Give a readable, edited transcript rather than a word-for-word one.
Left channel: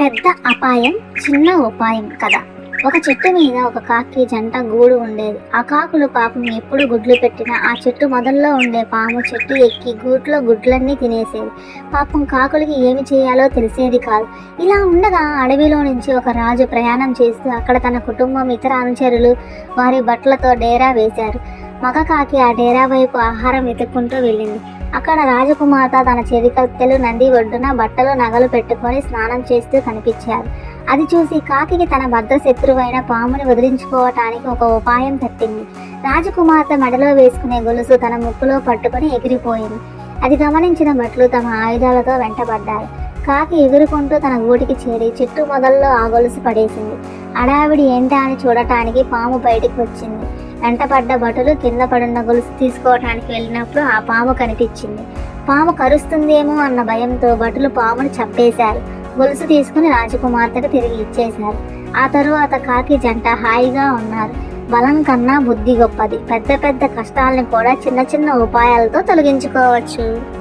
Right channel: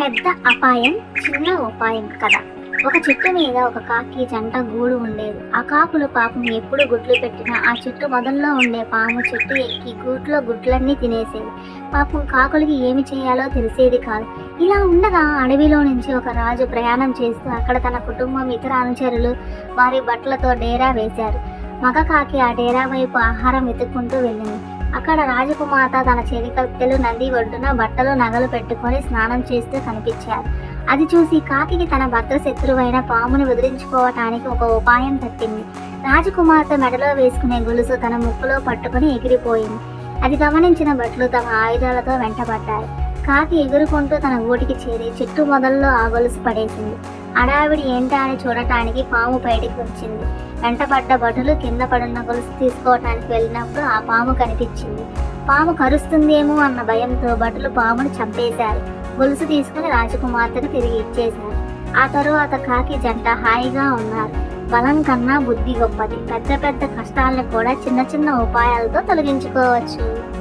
పెద్ద అపాయం చిన్న ఉపాయం కథ. ఒక చెట్టు మీద ఒక కాకి జంట గూడు ఉండేది. ఆ కాకులు పాపం ఎప్పుడు గుడ్లు పెట్టినా ఆ చెట్టు మొదల్లో ఉండే పాము చెట్టు ఎక్కి గూట్లో గుడ్లన్నీ తినేసేది. పాపం కాకులకి ఏమి చేయాలో తెలిసేది కాదు. ఇలా ఉండగా అడవిలో నుంచి ఒక రాజు ప్రయాణం చేస్తూ అక్కడ తన కుటుంబం ఇతర అనుచరులు వారి బట్టలతో డేరా వేశారు. మగ కాకి ఆ డేరా వైపు ఆహారం వెతుక్కుంటూ వెళ్ళింది. అక్కడ రాజకుమార్తె తన చెవికత్తెలు నది ఒడ్డున బట్టలు నగలు పెట్టుకొని స్నానం చేస్తూ కనిపించారు. అది చూసి కాకికి తన భద్ర శత్రువైన పాముని వదిలించుకోవటానికి ఒక ఉపాయం తట్టింది. రాజకుమార్తె మెడలో వేసుకునే గొలుసు తన ముక్కులో పట్టుకుని ఎగిరిపోయింది. అది గమనించిన భటులు తమ ఆయుధాలతో వెంటబడ్డారు. కాకి ఎగురుకుంటూ తన గూటికి చేరి చెట్టు మొదల్లో ఆ గొలుసు పడేసింది. అడావిడి ఏంటా అని చూడటానికి పాము బయటికి వచ్చింది. వెంటపడ్డ భటులు కింద పడున్న గొలుసు తీసుకోవటానికి వెళ్ళినప్పుడు ఆ పాము కనిపించింది. పాము కరుస్తుందేమో అన్న భయంతో భటులు పామును చంపేశారు. గొలుసు తీసుకుని రాజకుమార్తెకు తిరిగి ఇచ్చేశారు. ఆ తరువాత కాకి జంట హాయిగా ఉన్నారు. బలం కన్నా బుద్ధి గొప్పది. పెద్ద పెద్ద కష్టాలను కూడా చిన్న చిన్న ఉపాయాలతో తొలగించుకోవచ్చు.